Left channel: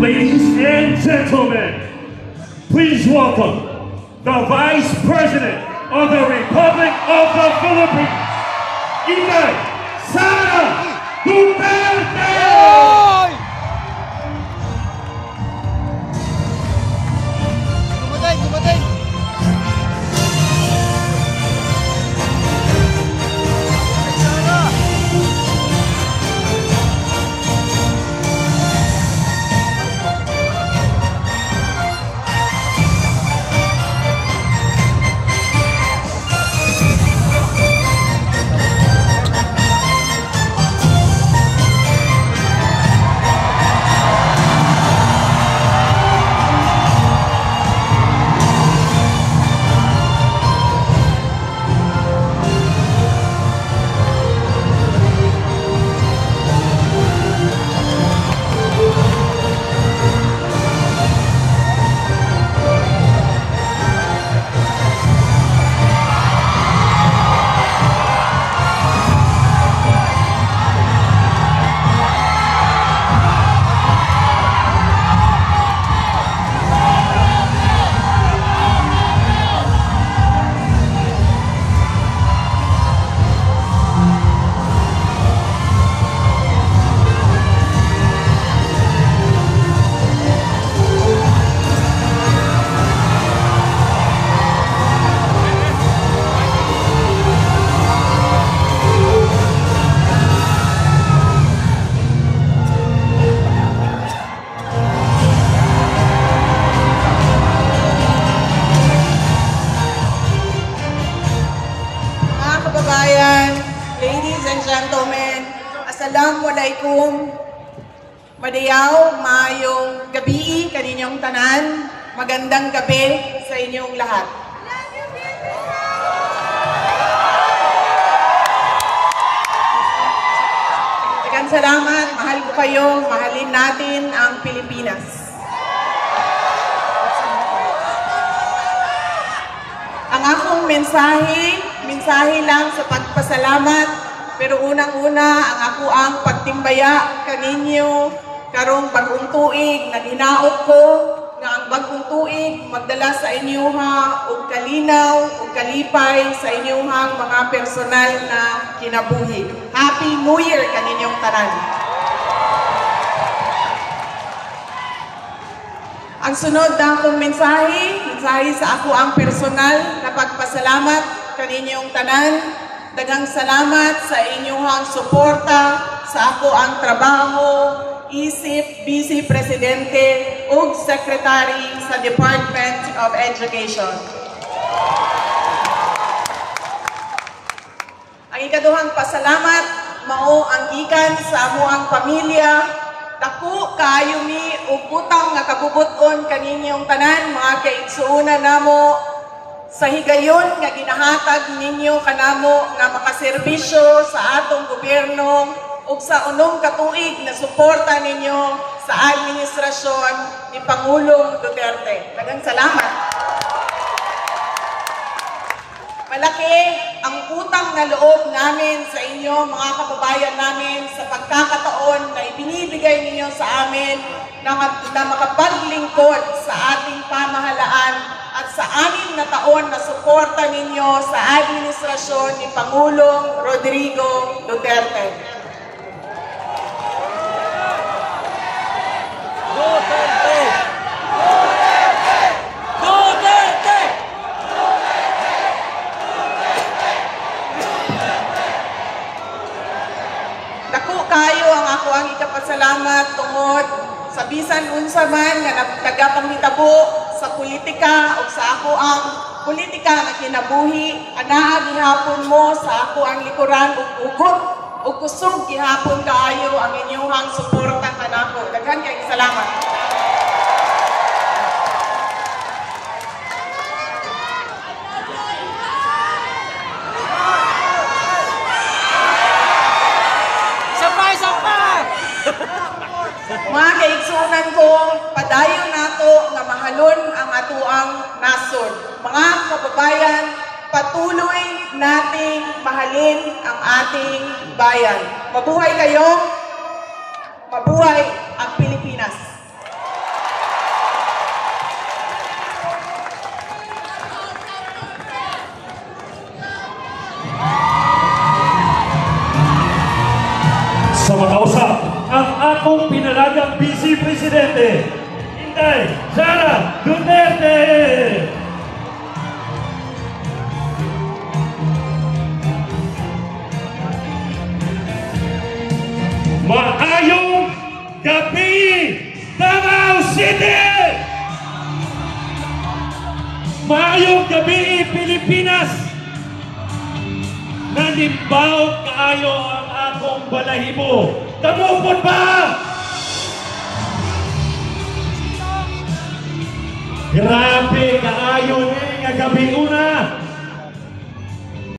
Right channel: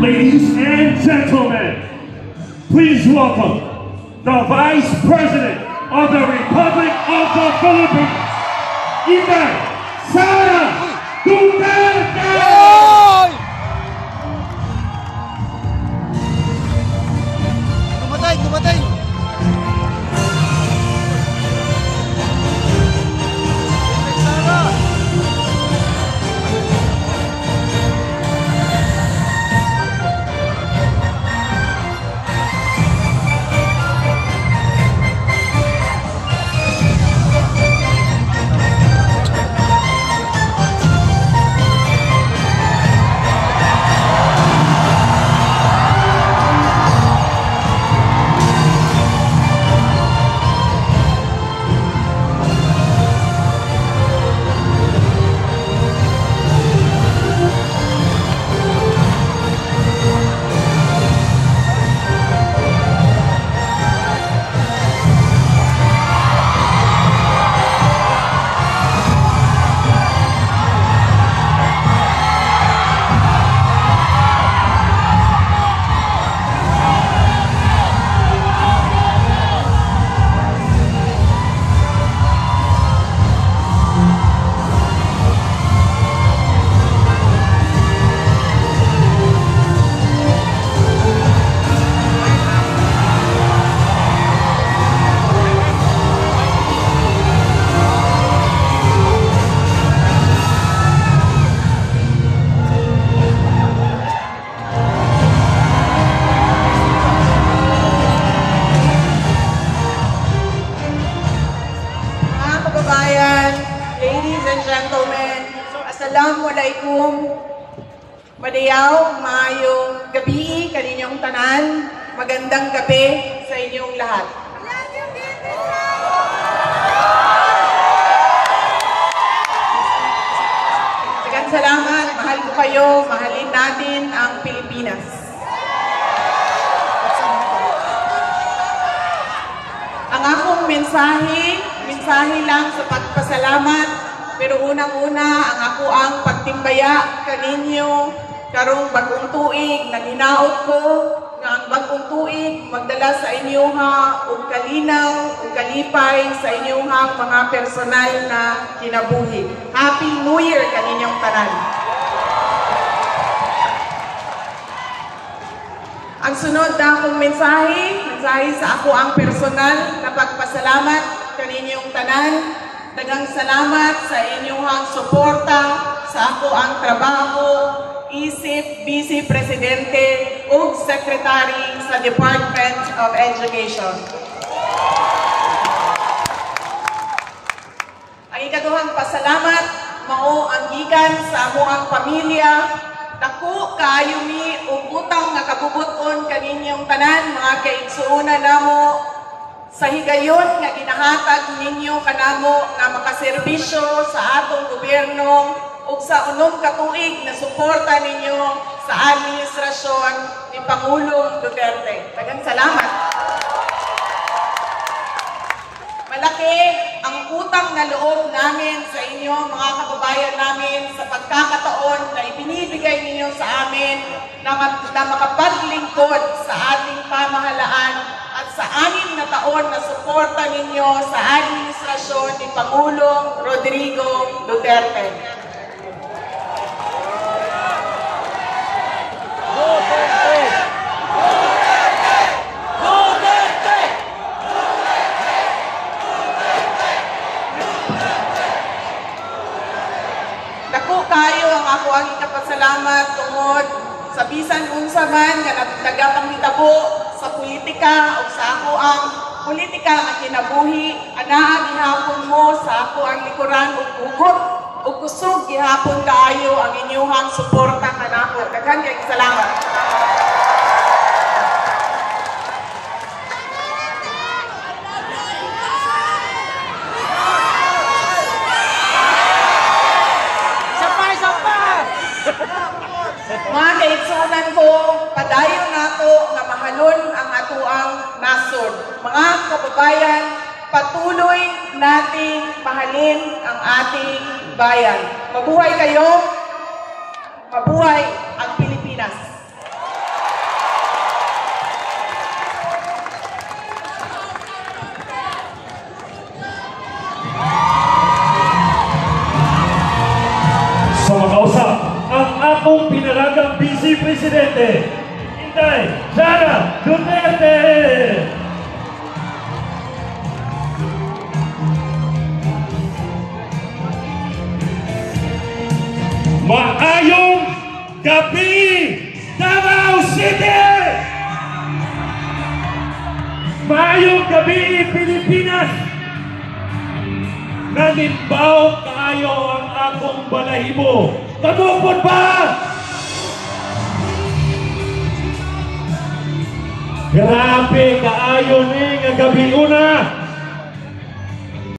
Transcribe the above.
Ladies and gentlemen, please welcome the Vice President of the Republic of the Philippines, Inday Sara Duterte! adlaw, maayong gabi kaninyong tanan. Magandang gabi sa inyong lahat. Daghang salamat, mahal ko kayo, mahalin natin ang Pilipinas. Ang akong mensahe lang sa pagpasalamat, pero unang-una ang ako ang pagtimbaya kaninyo karong bagong tuig na hinaot ko nga ang bagong tuig magdala sa inyoha og kalinaw ug kalipay sa inyohang mga personal na kinabuhi. Happy New Year kaninyong tanan. Ang sunod na akong mensahe sa ako ang personal na pagpasalamat kaninyong tanan. Daghang salamat sa inyong suporta sa ako ang trabaho, isip Vice Presidente ug Secretary sa Department of Education. Ang ikaduhang pasalamat mao ang gikan sa amo ang pamilya. Dako kaayo mi ug butang nga kabubuton kaninyong tanan mga kaigsuonan namo sa higayon nga ginahatag ninyo kanamo nga makaserbisyo sa atong gobyerno ug sa unong katuig na suporta ninyo sa administrasyon ni Pangulong Duterte. Daghang salamat. Malaki ang utang na loob namin sa inyo mga kababayan namin sa pagkakataon na ibinibigay ninyo sa amin na makapaglingkod sa ating pamahalaan at sa 6 na taon na suporta ninyo sa administrasyon ni Pangulong Rodrigo Duterte. Dako kayo ang ako ang ikapasalamat tungod sa bisan unsa man nga nagkamhitabo sa politika o sa ako ang politika na kinabuhi, anaa gihapon mo sa ako ang likuran ug ugot ug kusog gihapon kaayo ang inyong suporta kanako. Daghan kay salamat. Mga kaigsunan ko, padayon nato nga mahalon ang atuang nasod. Mga kababayan, patuloy nating mahalin ang ating bayan. Mabuhay kayo, mabuhay ang Pilipinas. Sa makausap, ang akong pinalagang Vice Presidente, Inday Sara Duterte! Maayong gabi, Davao City! Maayong gabi, Pilipinas! Nanimbaw kaayo ang akong balahibo. Kamupon ba? Grabe kaayo ni nga gabi una.